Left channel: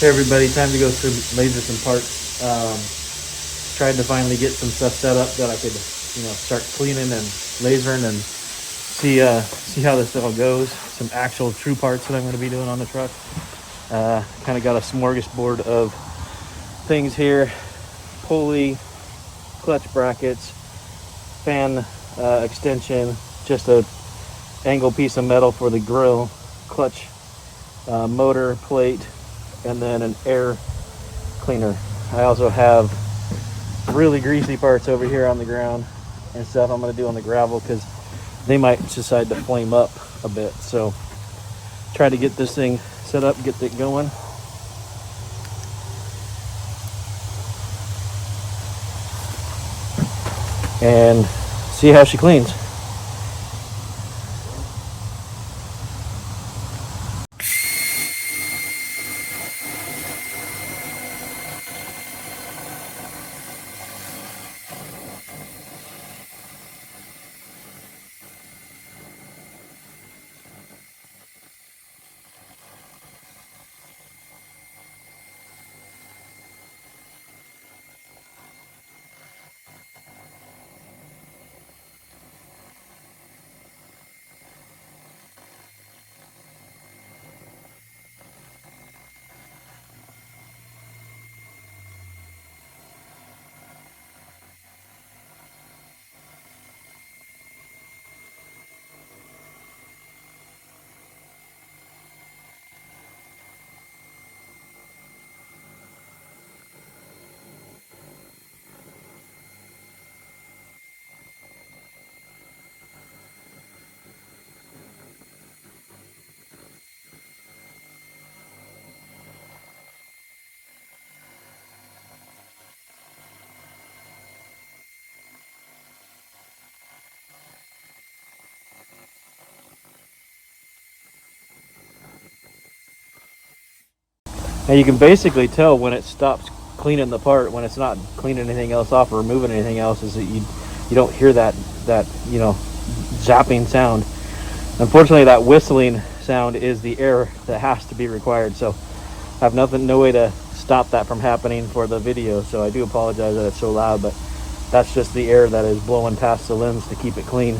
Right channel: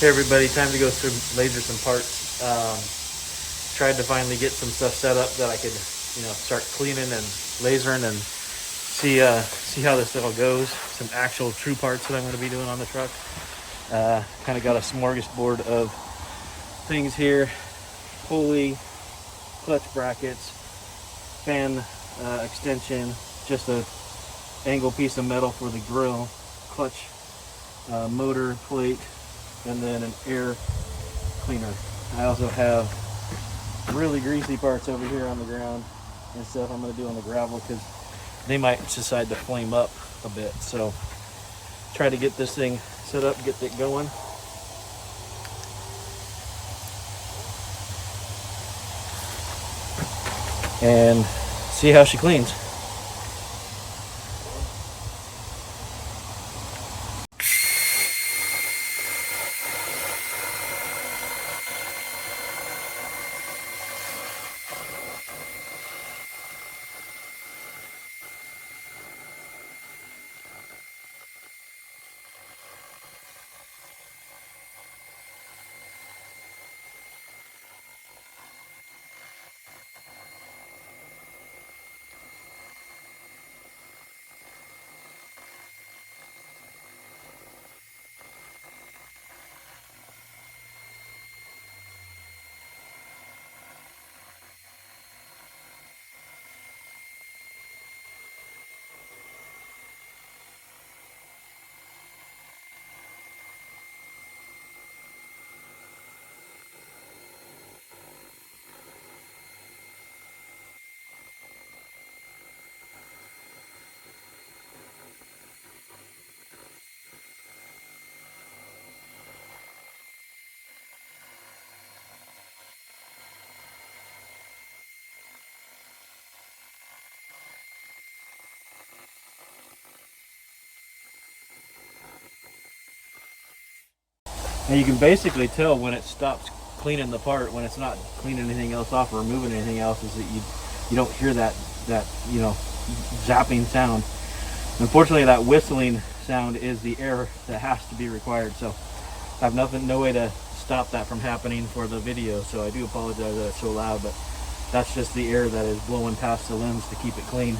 Hey everybody, time to go through laser some parts. Tried to finally get some stuff set up that I could, start cleaning and lasering and see how this all goes. Some actual true parts that I'm going to be doing on the truck. Kind of got a smorgasbord of things here: pulley, clutch brackets, fan extension, just a angle piece of metal for the grill, clutch motor plate, and then an air cleaner. I also have really greasy parts over here on the ground and stuff I'm going to do on the gravel because they might decide to flame up a bit. So try to get this thing set up, get it going. And see how she cleans. Now you can basically tell when it stops cleaning the part, when it's not cleaning anything else off or removing anything else, is that you don't hear that zapping sound. Unfortunately, that whistling sound is the air that has to be required. So I have no way to stop that from happening for the video. So I do apologize that it's so loud, but that's just the air that is blowing past the limbs to keep it clean.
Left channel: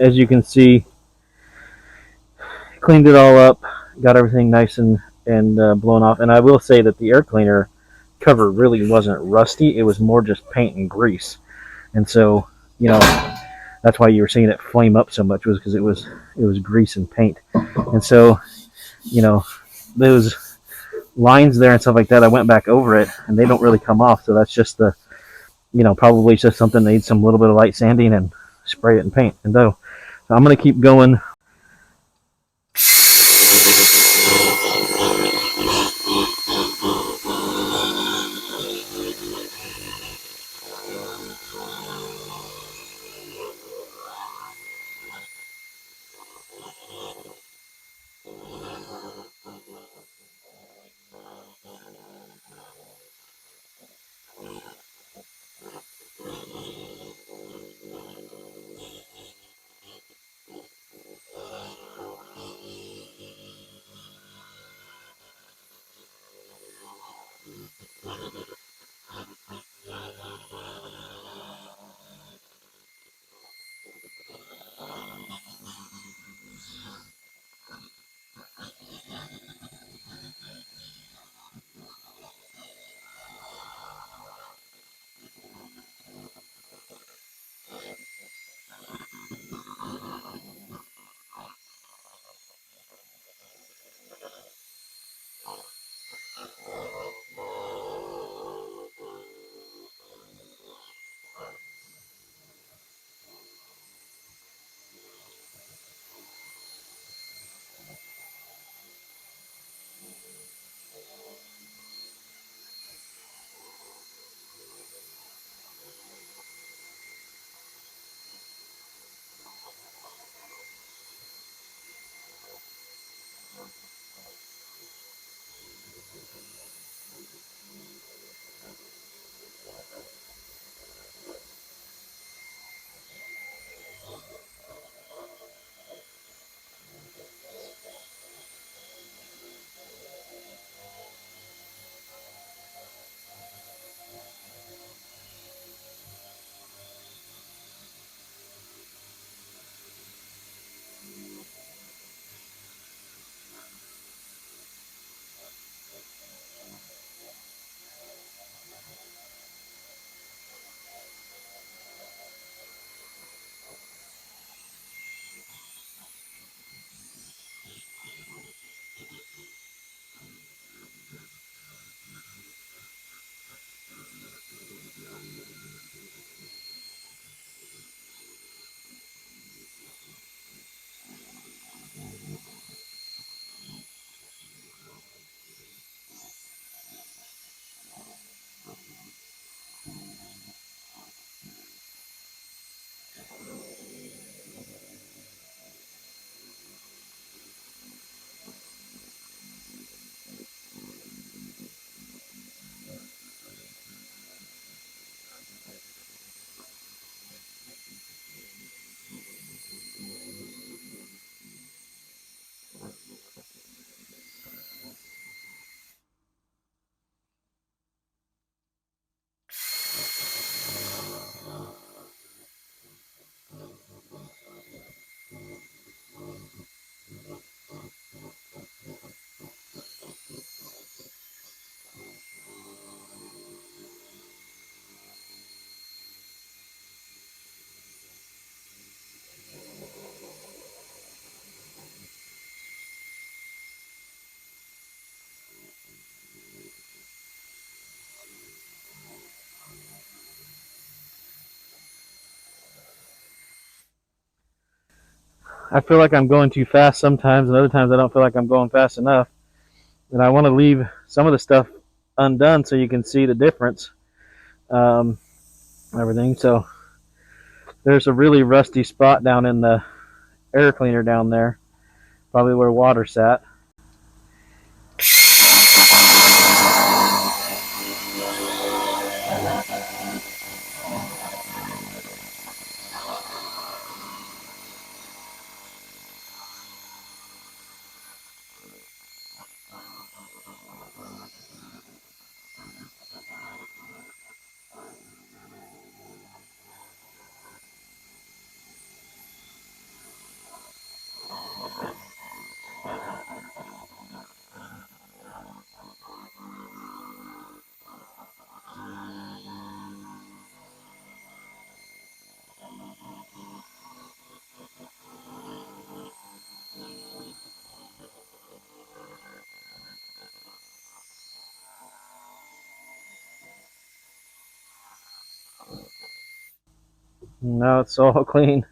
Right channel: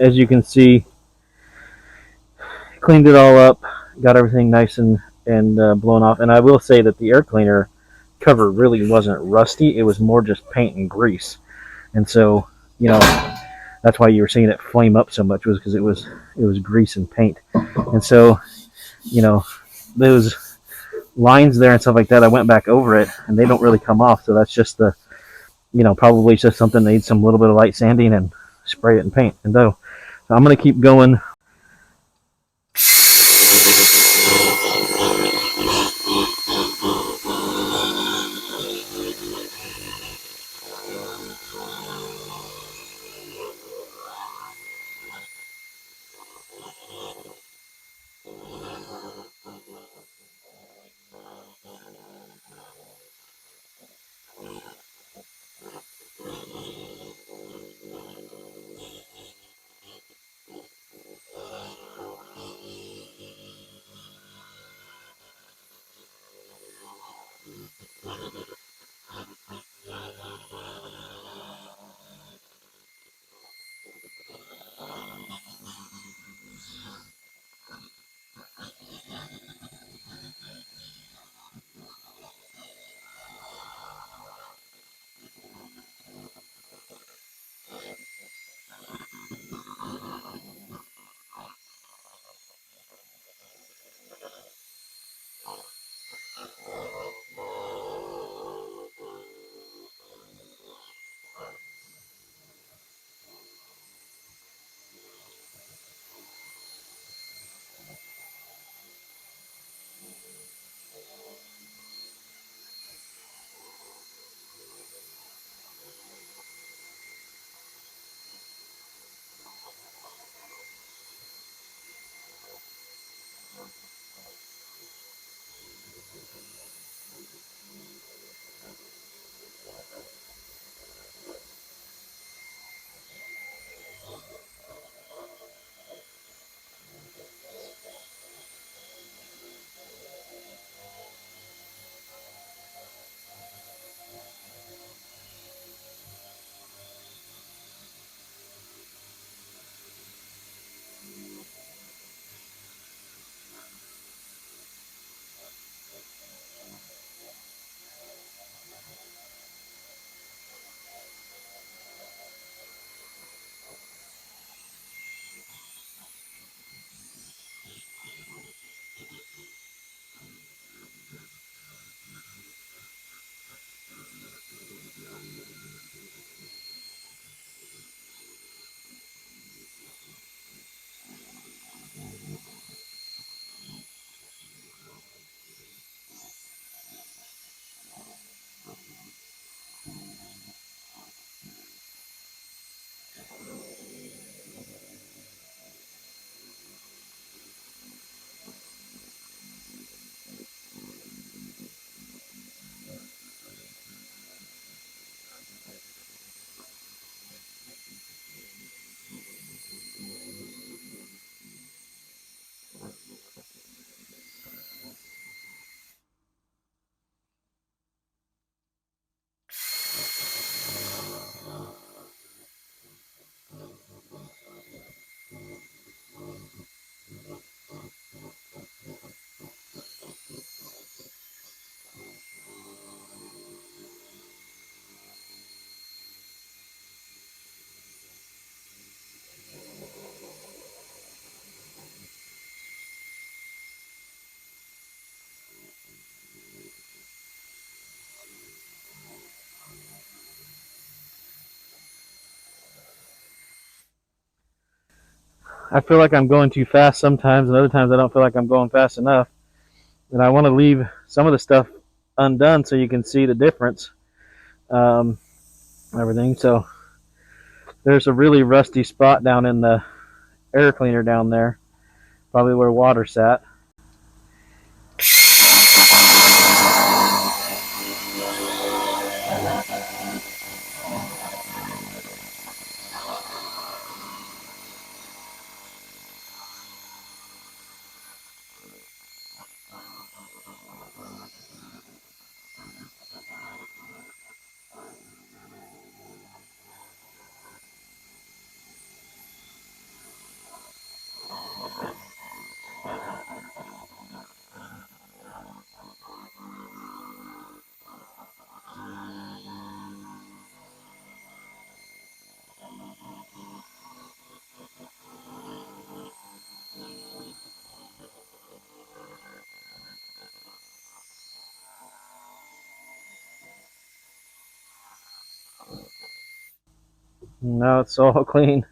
as you can see, cleaned it all up, got everything nice and blown off. And I will say that the air cleaner cover really wasn't rusty. It was more just paint and grease. And so, you know, that's why you were seeing it flame up so much, was because it was grease and paint. And so, you know, those lines there and stuff like that, I went back over it and they don't really come off. So that's just the, probably just something that needs some little bit of light sanding and spray it and paint. And so I'm going to keep going. I feel like I'm going too fast sometimes, and other times I don't feel like I'm going fast enough. And I want to leave some of the stuff undone so you can see the difference. Um, Everything. So there's a really rusty spot down in the air cleaner down there, probably where water sat. Now it's all clean.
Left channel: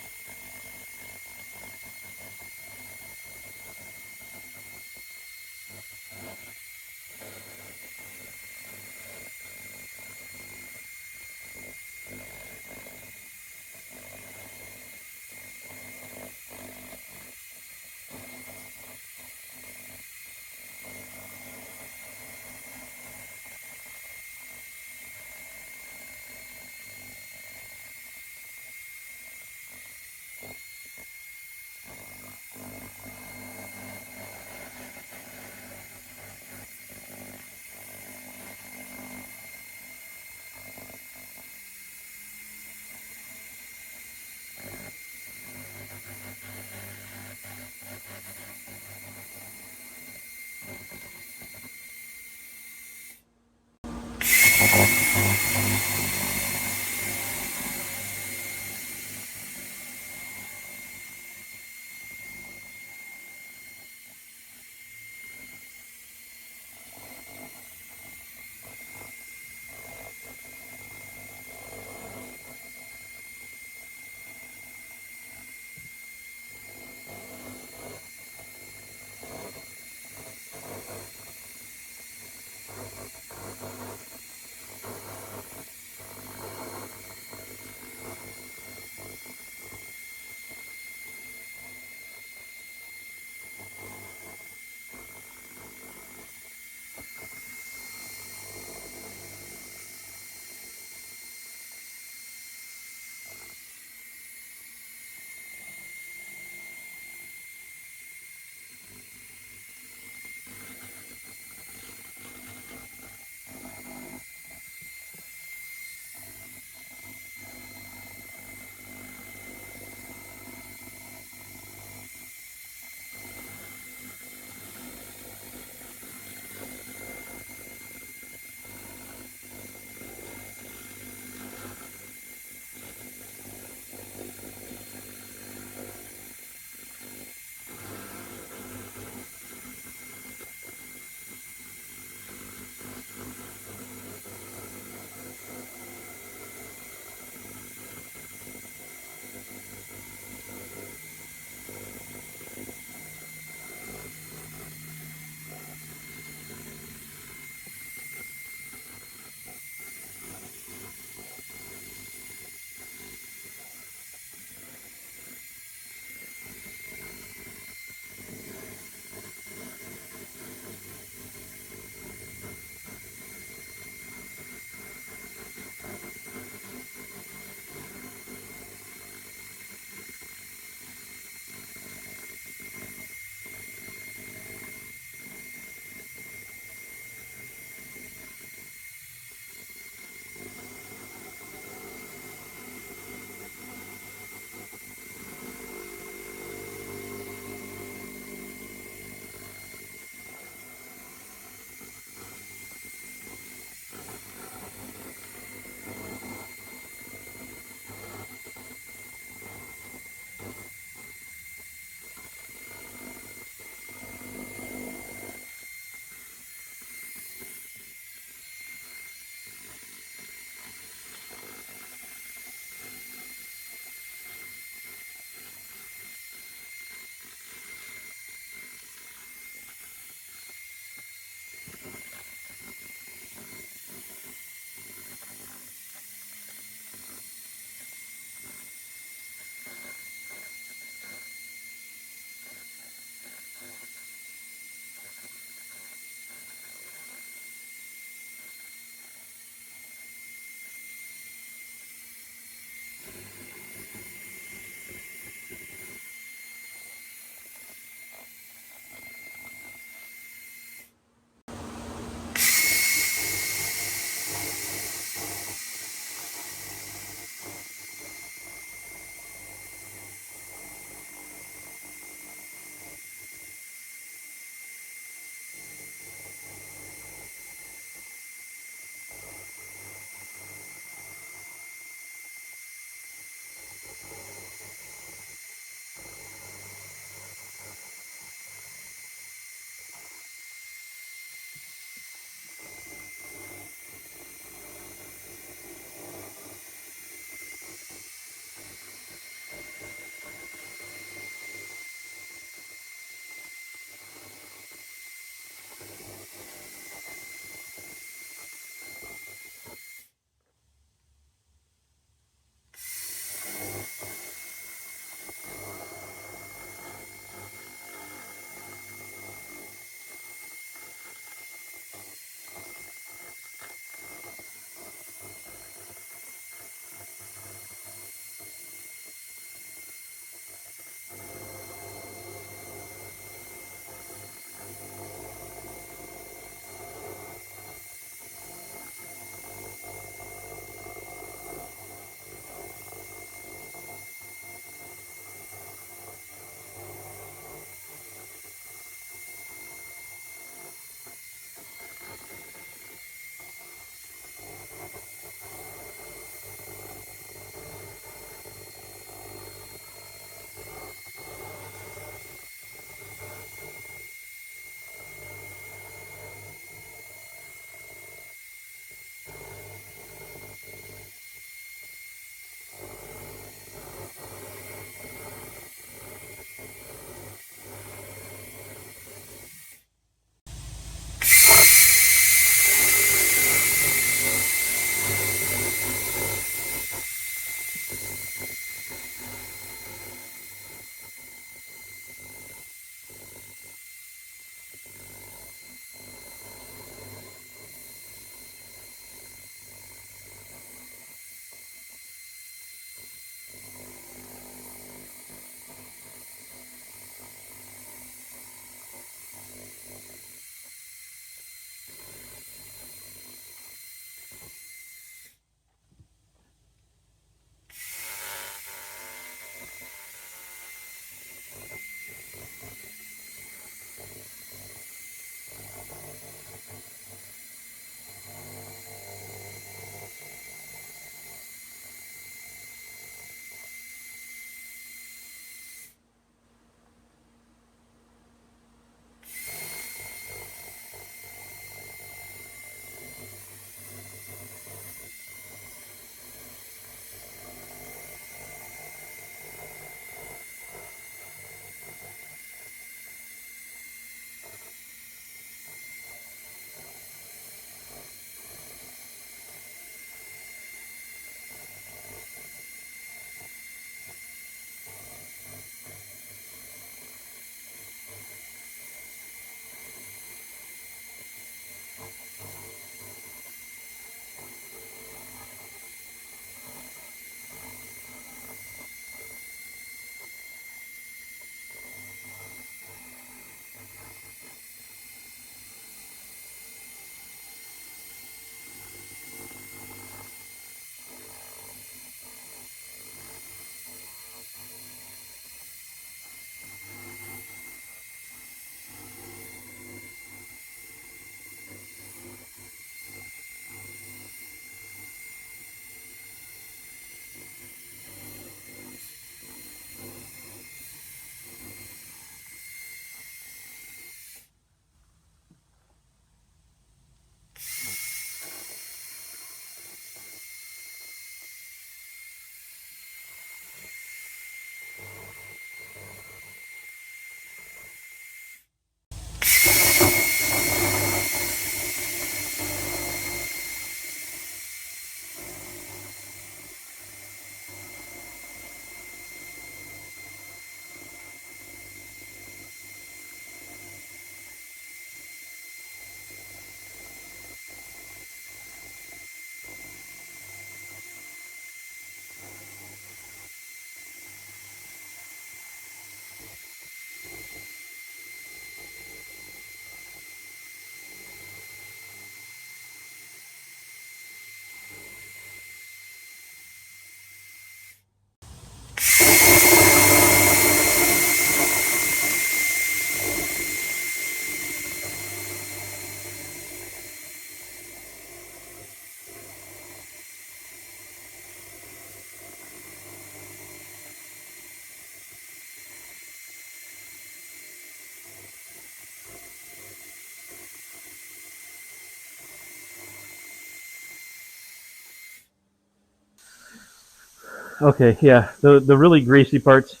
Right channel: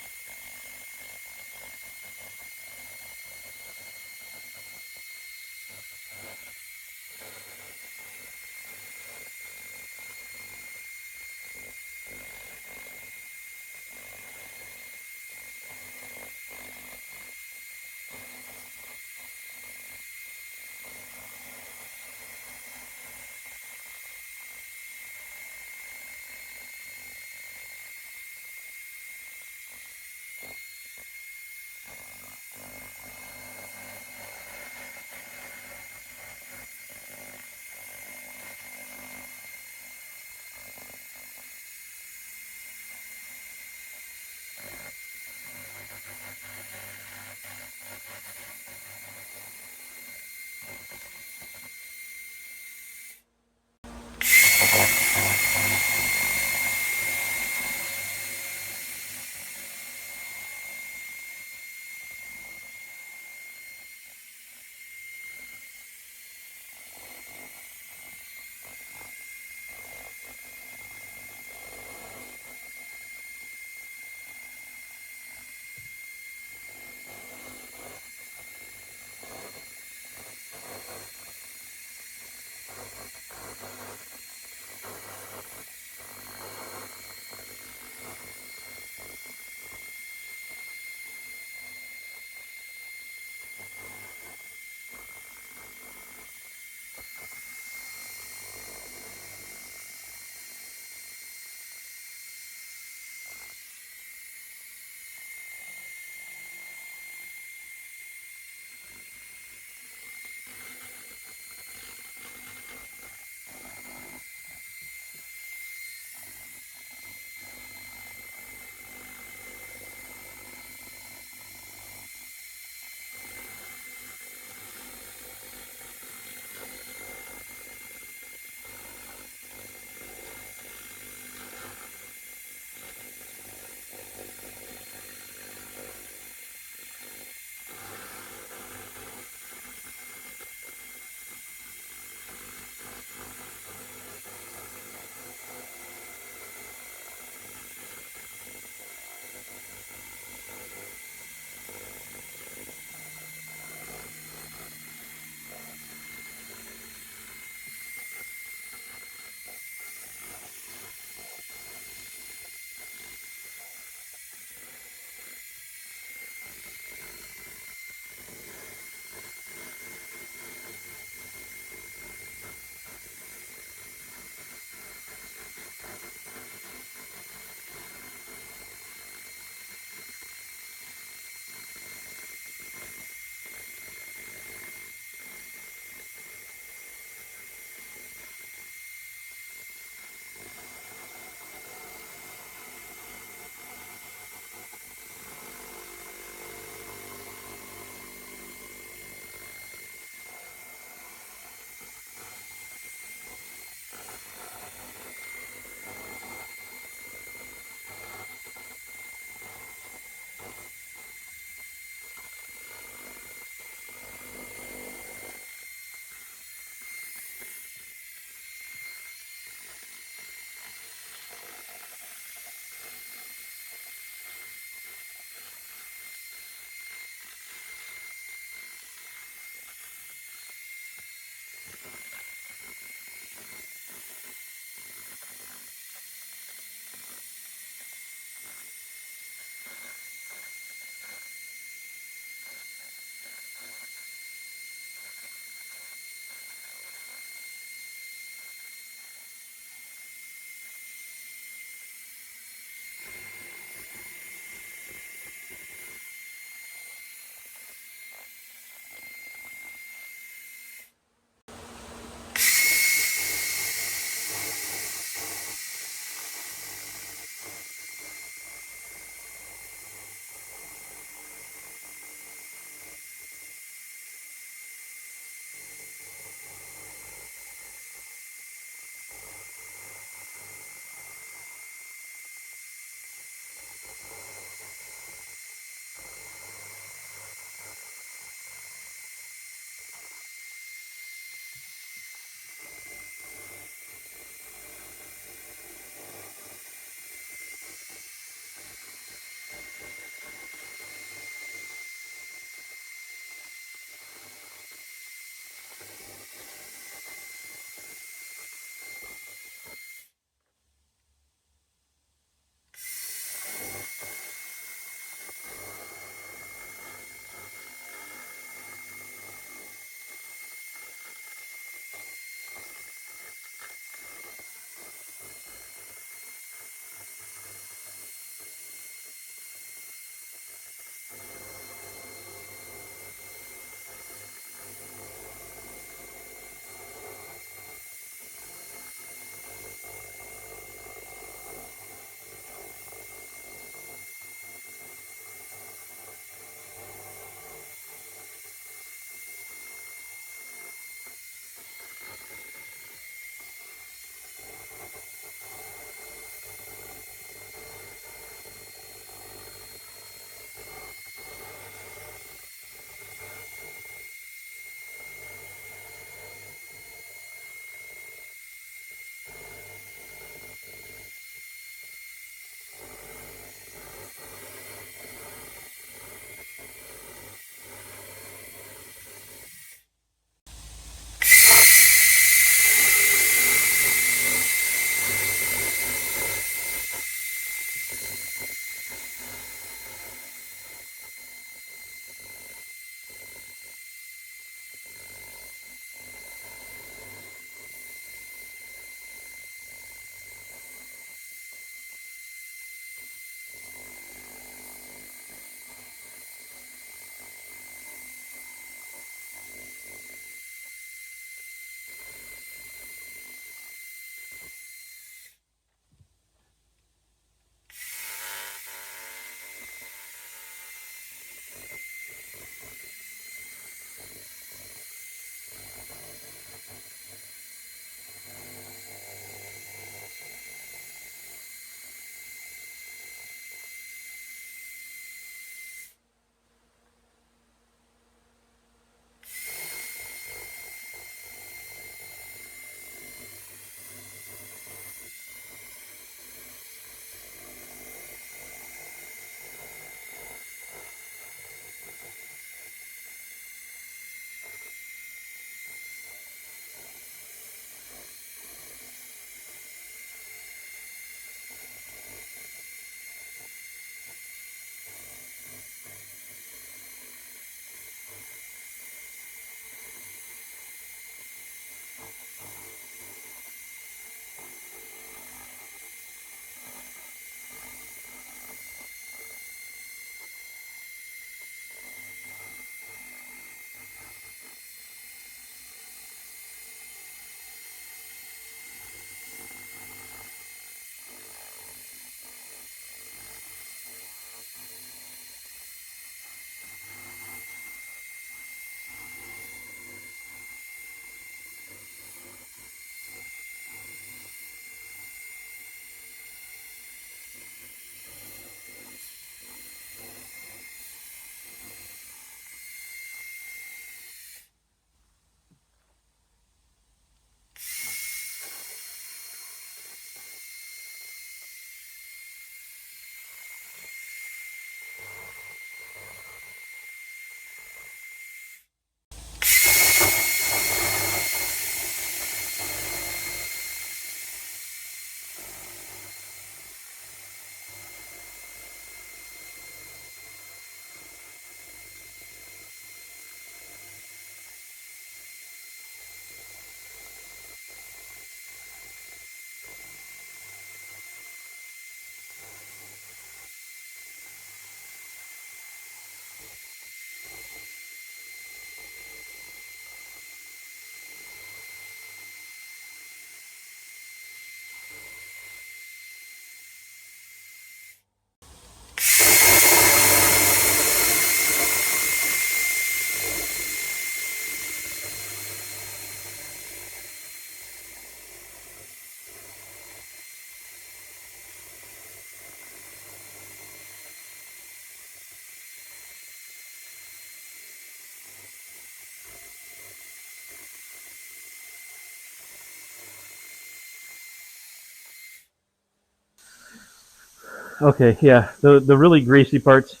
Okay, yeah, the really greasy parts,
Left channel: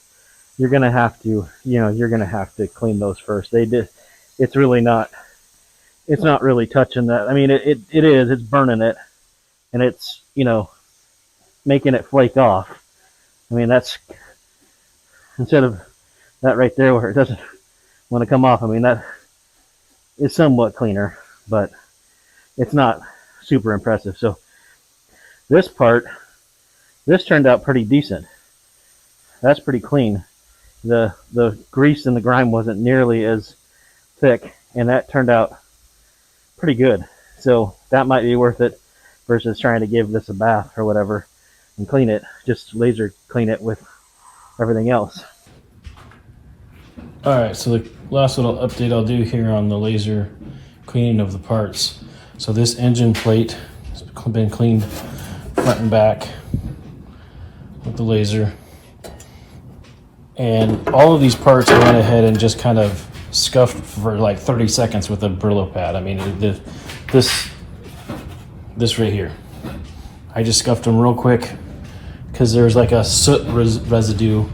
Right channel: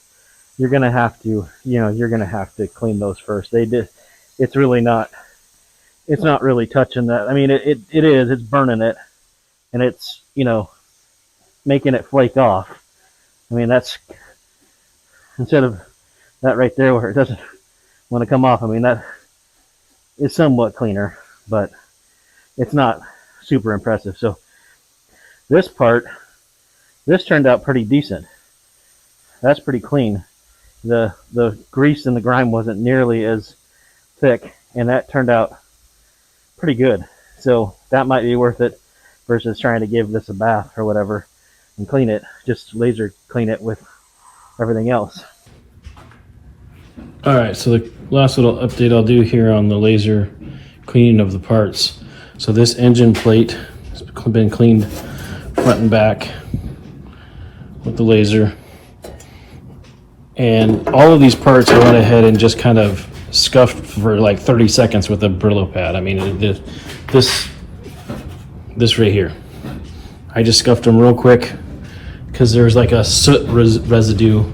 you're gonna have to, you're gonna have to clean those first. It's really not, it's not really touching that. I mean, it is, it's burning it, and it's, making it flake off. I mean, that's, instead of that right there where it doesn't want to come off, I mean, that is somewhat cleaner, but it's not super impressive. So this part, this turned out pretty decent. That's pretty clean. The grease and the grime wasn't nearly as thick, and that turned out pretty good. So that might be worth it versus trying to give this a bath or whatever and clean it. Just laser clean it with everything else. All right, so the last little update I'll do here on the laser cleaning of the parts. So this engine plate has been cleaned front and back with the laser. And all of these parts I went ahead and just kind of scuffed for like 30 seconds with a Brillo pad. I mean, this right here. I just scuffed them real quick because there's like a soot residue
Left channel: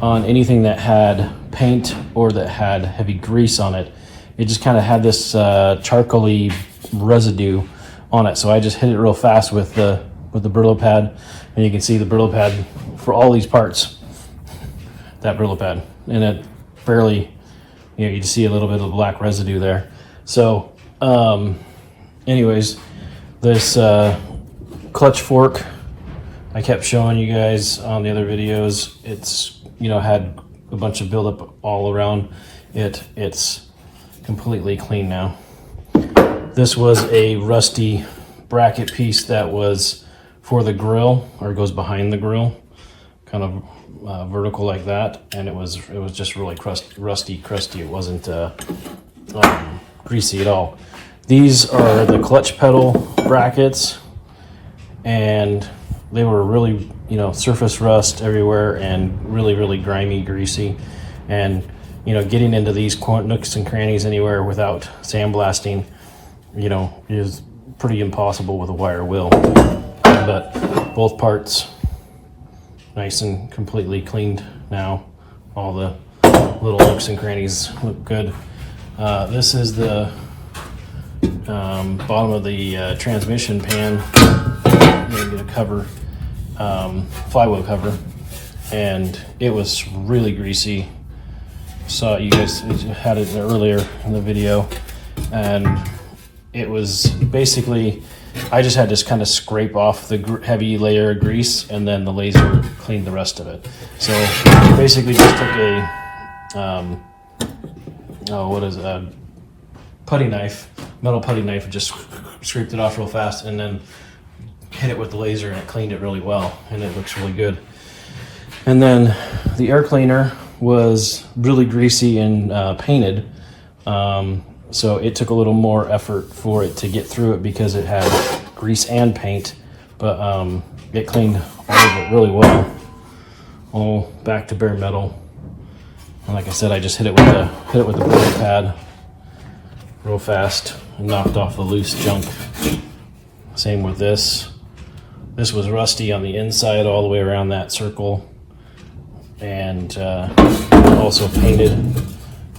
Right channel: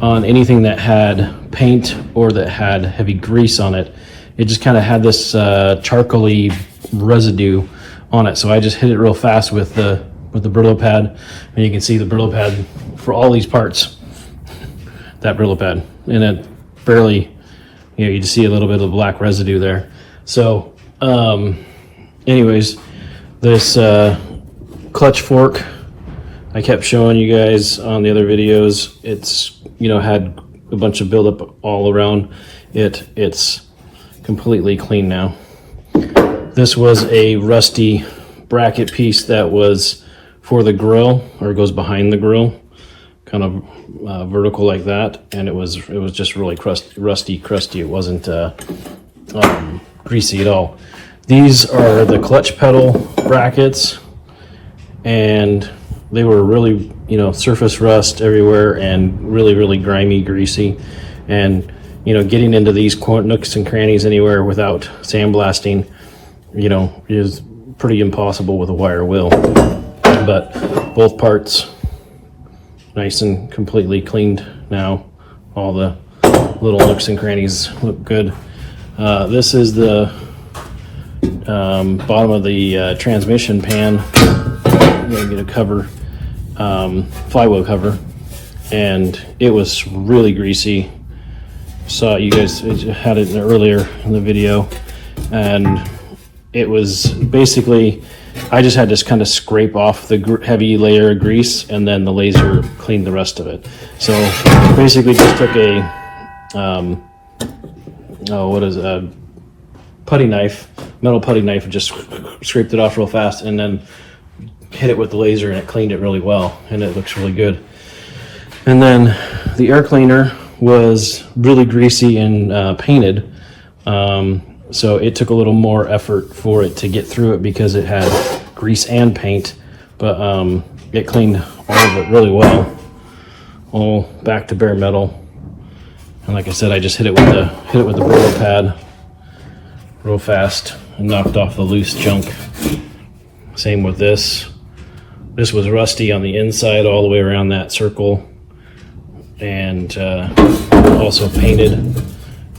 on anything that had paint or that had heavy grease on it. It just kind of had this charcoaly residue on it. So I just hit it real fast with the Brillo pad, and you can see the Brillo pad for all these parts. That Brillo pad, and it barely, you just see a little bit of black residue there. So, anyways, this clutch fork, I kept showing you guys on the other videos. It's, had a bunch of buildup all around it. It's completely clean now. This was a rusty bracket piece that was for the grill, or goes behind the grill, kind of vertical like that, and it was just really rusty, crusty. It wasn't greasy at all. These are the clutch pedal brackets, and they were really, surface rust everywhere and really grimy, greasy, and getting into these nooks and crannies anywhere without sandblasting, is pretty impossible with a wire wheel. But both parts nice and completely cleaned now. All the little nooks and crannies look good. This is the bottom of the transmission pan. I'm gonna get a cover, flywheel cover, and it was really greasy. Saw you guys had it earlier in the video, and it was basically, I just had to kind of scrape off the heavy layer of grease, and then the laser cleaned the rest of it. So basically just took a, putty knife, metal putty knife, and just scraped it off real fast, and then hit it with the laser, and it cleaned it really well, and it looks really good. And then the air cleaner was really greasy and painted. So it took a little more effort for it to get through it because it had grease and paint, but it cleaned all of it really well, all back to bare metal. And like I said, I just hit it with the Brillo pad real fast and knocked off the loose junk. Same with this. This was rusty on the inside all the way around that circle, and also painted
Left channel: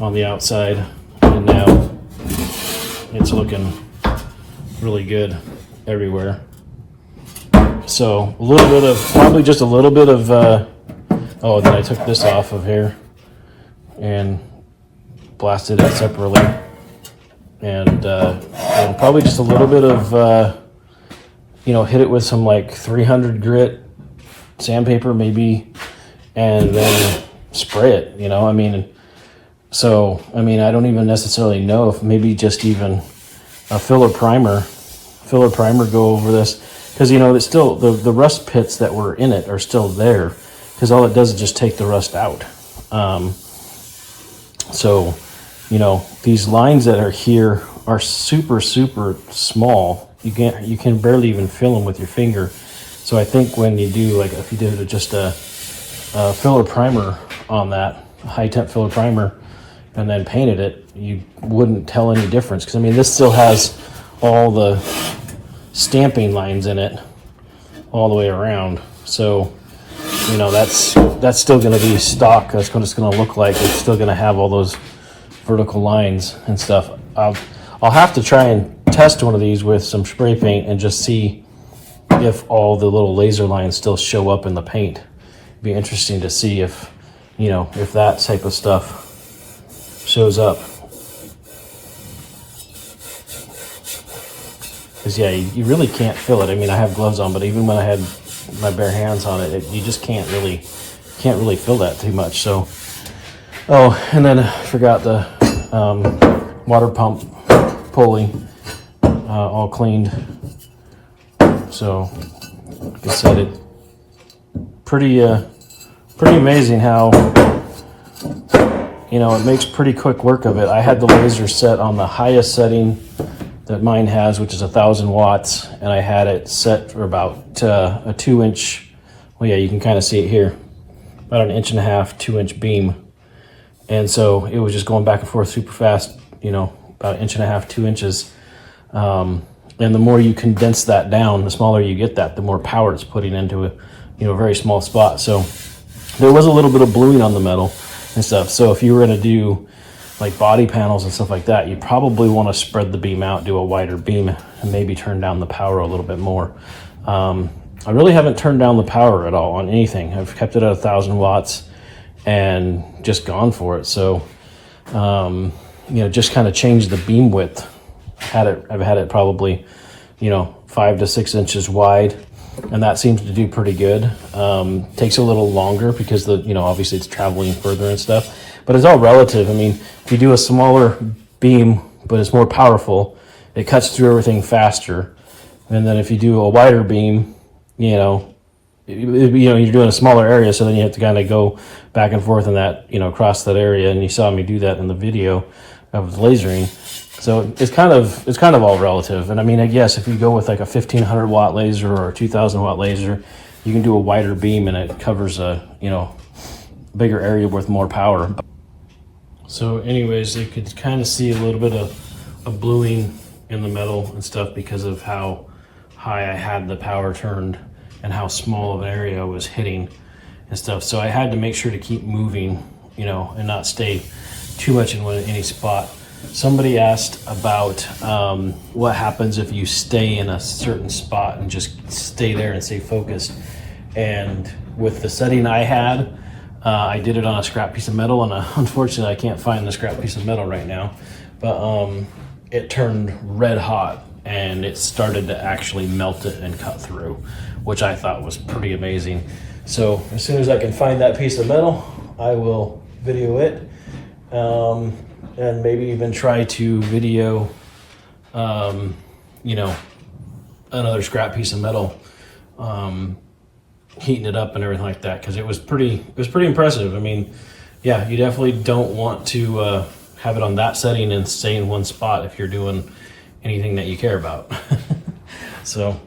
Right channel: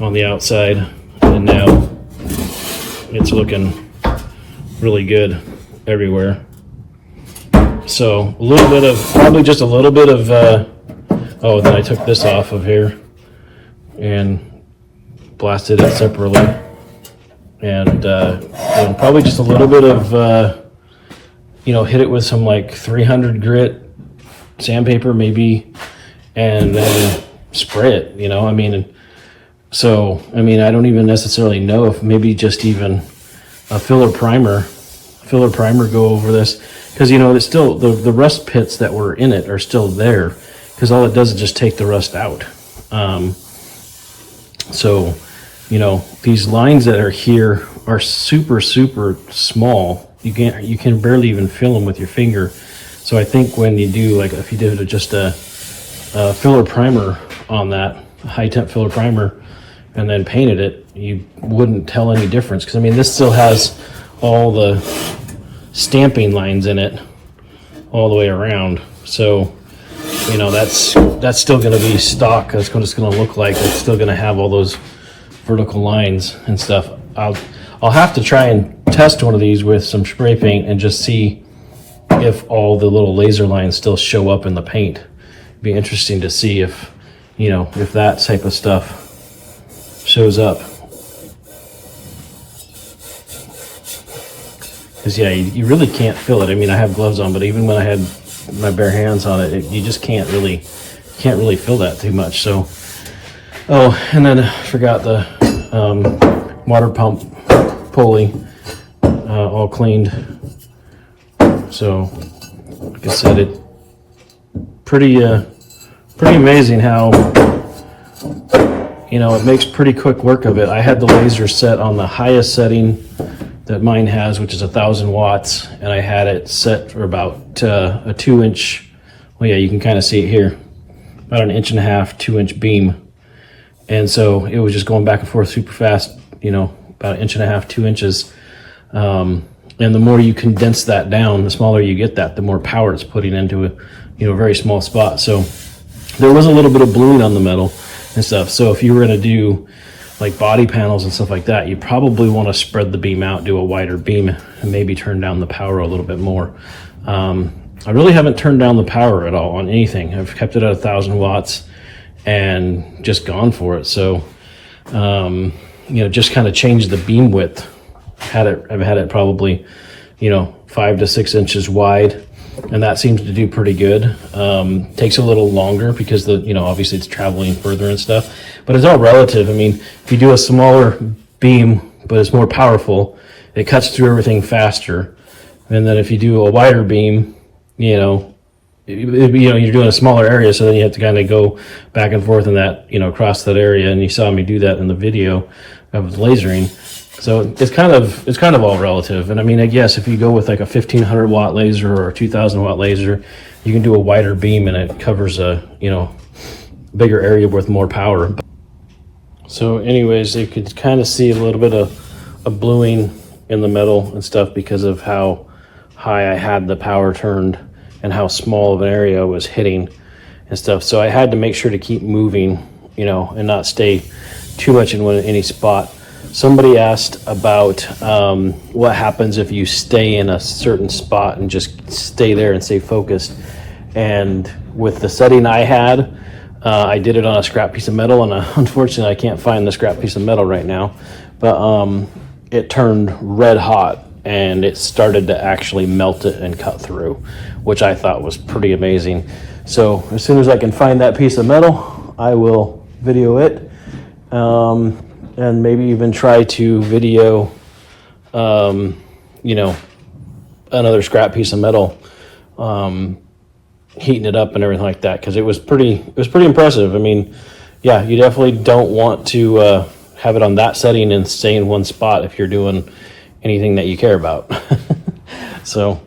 on the outside, and now it's looking really good everywhere. So a little bit of, probably just a little bit of, oh, then I took this off of here and blasted it separately. And probably just a little bit of, hit it with some like 300 grit sandpaper maybe, and then spray it, So, I don't even necessarily know if maybe just even a filler primer go over this, because, it's still, the rust pits that were in it are still there, because all it does is just take the rust out. So, these lines that are here are super small. You can barely even feel them with your finger. So I think when you do, like, if you did just a filler primer on that, high temp filler primer, and then painted it, you wouldn't tell any difference, because this still has all the stamping lines in it all the way around. So you know, that's still going to be stock. That's what it's going to look like. It's still going to have all those vertical lines and stuff. I'll have to try and test one of these with some spray paint and just see if all the little laser lines still show up in the paint. It'd be interesting to see if, you know, if that type of stuff shows up. Because yeah, you really can't feel it. I mean, I have gloves on, but even when I had my bare hands on it, you just can't really feel that too much. So, oh, and then I forgot the water pump pulley all cleaned. So, like I said, it pretty amazing how, you know, it makes pretty quick work of it. I had the laser set on the highest setting that mine has, which is 1,000 watts, and I had it set for about a 2-inch. Well, yeah, you can kind of see it here, about an 1.5 inch, 2-inch beam, and so it was just going back and forth super fast. You know, about 1.5 inches, 2 inches. And the more you condense that down, the smaller you get that, the more power it's putting into a, you know, very small spot. So there was a little bit of bluing on the metal and stuff. So if you were going to do like body panels and stuff like that, you probably want to spread the beam out, do a wider beam, and maybe turn down the power a little bit more. I really haven't turned down the power at all on anything. I've kept it at 1,000 watts and just gone for it. So, you know, just kind of changed the beam width. I've had it probably, you know, 5 to 6 inches wide, and that seems to do pretty good. Takes a little longer because you know, obviously it's traveling further and stuff, but it's all relative. I mean, if you do a smaller beam, but it's more powerful, it cuts through everything faster. And then if you do a wider beam, you know, you're doing a smaller area, so then you have to kind of go back and forth in that, you know, across that area. And you saw me do that in the video of lasering. So it's kind of all relative. And I mean, I guess if you go with like a 1,500 watt laser or a 2,000 watt laser, you can do a wider beam and it covers a, you know, bigger area with more power. So anyways, you could kind of see a little bit of bluing in the metal and stuff because of how high I had the power turned and how small of an area I was hitting and stuff. So I had to make sure to keep moving, you know, and not stay too much in any spot. Somebody asked about what happens if you stay in a certain spot and just stay there and stay focused. And with the setting I had, I did it on a scrap piece of metal, and unfortunately I can't find the scrap piece of metal right now, but it turned red hot and it started to actually melt it and cut through, which I thought was pretty amazing. So as soon as I can find that piece of metal, I will video it. And maybe even try to video, you know, another scrap piece of metal, heating it up and everything like that, because it was pretty impressive. I mean, yeah, you definitely don't want to have it on that setting and stay in one spot if you're doing anything that you care about. So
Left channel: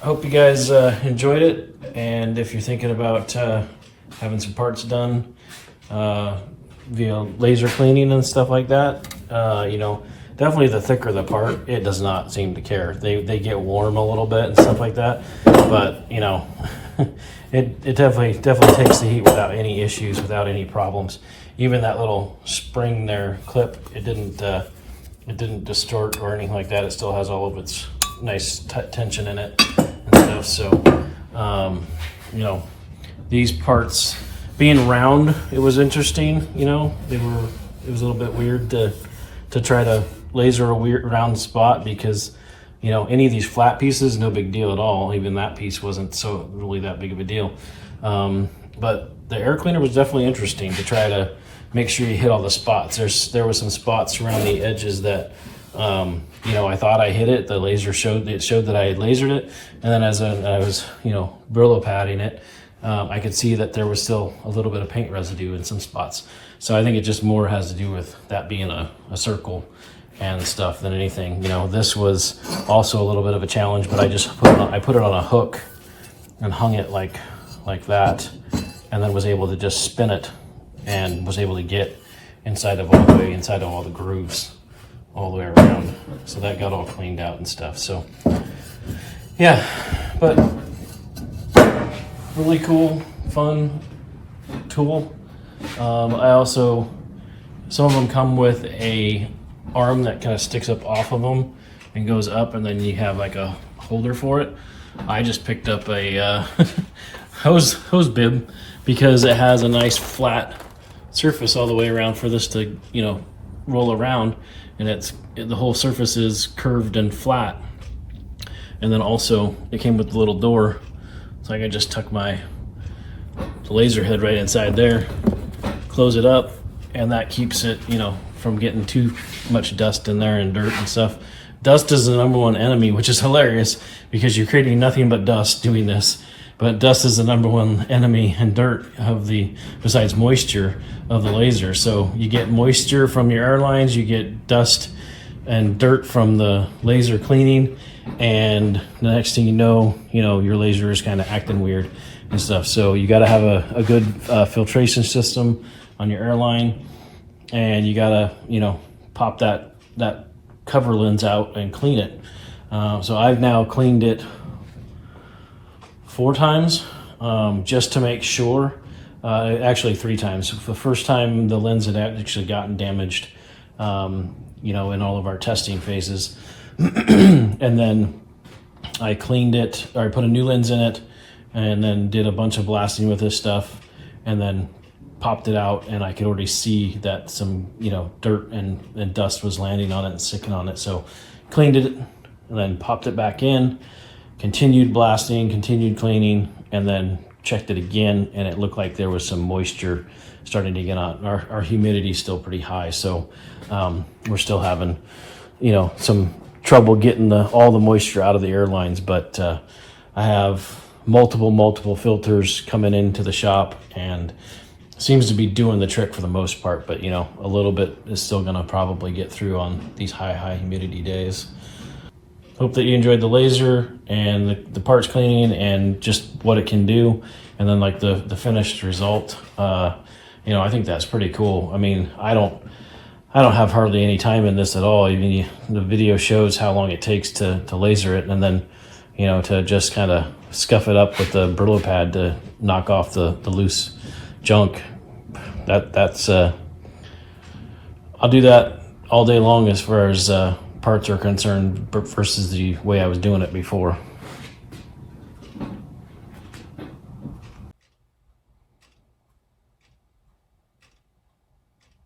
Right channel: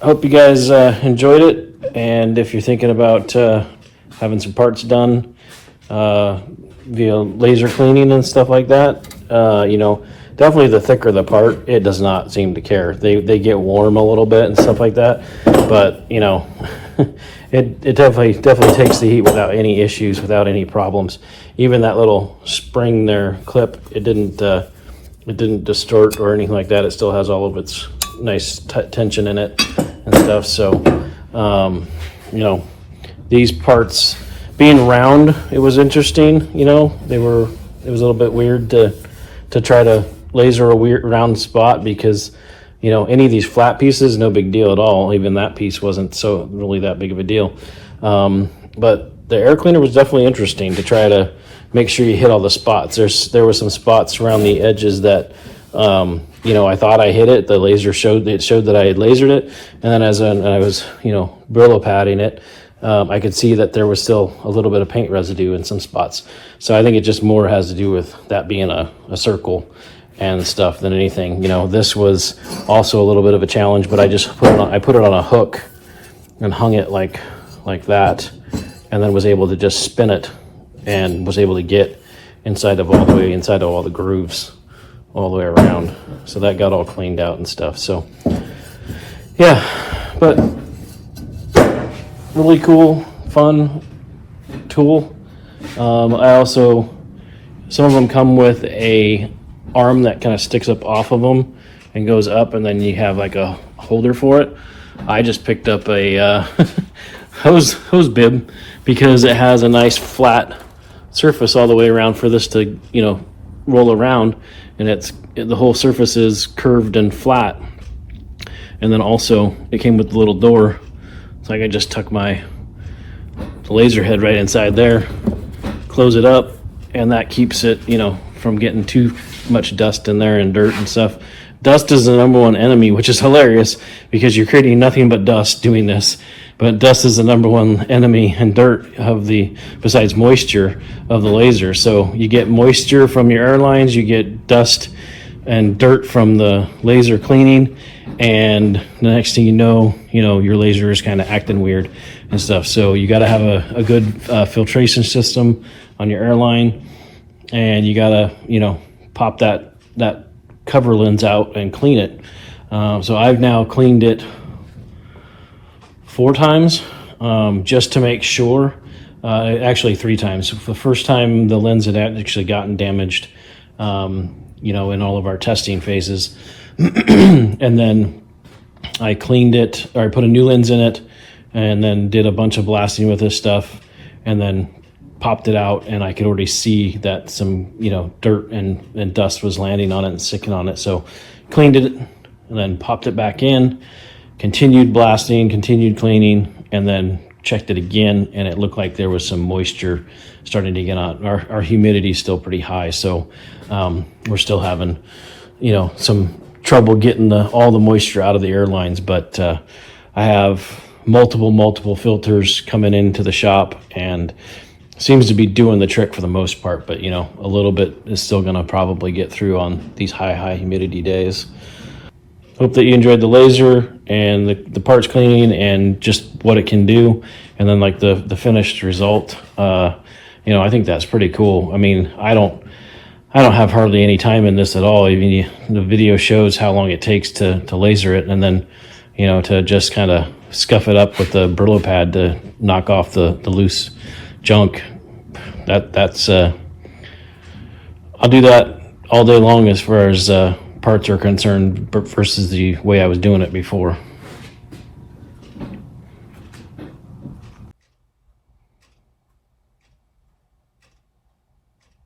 I hope you guys enjoyed it, and if you're thinking about having some parts done via laser cleaning and stuff like that, you know, definitely the thicker the part, it does not seem to care. They get warm a little bit and stuff like that, but you know, it definitely takes the heat without any issues, without any problems. Even that little spring there clip, it didn't distort or anything like that. It still has all of its nice tension in it and stuff. So you know, these parts being round, it was interesting. You know, it was a little bit weird to try to laser a weird round spot, because you know, any of these flat pieces, no big deal at all. Even that piece wasn't so really that big of a deal. But the air cleaner was definitely interesting to try to make sure you hit all the spots. There were some spots around the edges that you know, I thought I hit it. The laser showed that I had lasered it, and then as I was, you know, Brillo padding it, I could see that there was still a little bit of paint residue in some spots. So I think it just more has to do with that being a circle and stuff than anything. You know, this was also a little bit of a challenge, but I just put it on a hook and hung it like that, and then was able to just spin it and was able to get inside of all the grooves all the way around. So that got all cleaned out and stuff. So yeah, but really cool, fun tool. I also, some of them come with a arm that kind of sticks up off of them and goes up, and then you have like a holder for it. I just picked up a hose bib because it has a nice flat surface all the way around for this to, you know, roll around, and the whole surface is curved and flat. And then also it came with the little door, so I can just tuck the laser head right inside there, close it up, and that keeps it, you know, from getting too much dust in there and dirt and stuff. Dust is the number one enemy, which is hilarious because you're creating nothing but dust doing this. But dust is the number one enemy and dirt besides moisture of the laser. So you get moisture from your airlines, you get dust and dirt from the laser cleaning, and the next thing you know, your laser is kind of acting weird and stuff. So you got to have a good filtration system on your airline, and you got to, you know, pop that cover lens out and clean it. So I've now cleaned it 4 times, just to make sure. Actually 3 times. The first time the lens had actually gotten damaged, you know, in all of our testing phases. And then I cleaned it, or I put a new lens in it, and then did a bunch of blasting with this stuff, and then popped it out, and I could already see that some, you know, dirt and dust was landing on it and sticking on it. So cleaned it and then popped it back in, continued blasting, continued cleaning, and then checked it again, and it looked like there was some moisture starting to get on. Our humidity is still pretty high, so we're still having, you know, some trouble getting all the moisture out of the airlines. But I have multiple filters coming into the shop, and seems to be doing the trick for the most part. But, you know, a little bit is still going to probably get through on these high humidity days. Hope that you enjoyed the laser and the parts cleaning and just what it can do, and then like the finished result. You know, I think that's pretty cool. I mean, I don't have hardly any time in this at all. I mean, the video shows how long it takes to laser it, and then, you know, to just kind of scuff it up with the Brillo pad to knock off the loose junk. That's I'll do that all day long as far as parts are concerned versus the way I was doing it before.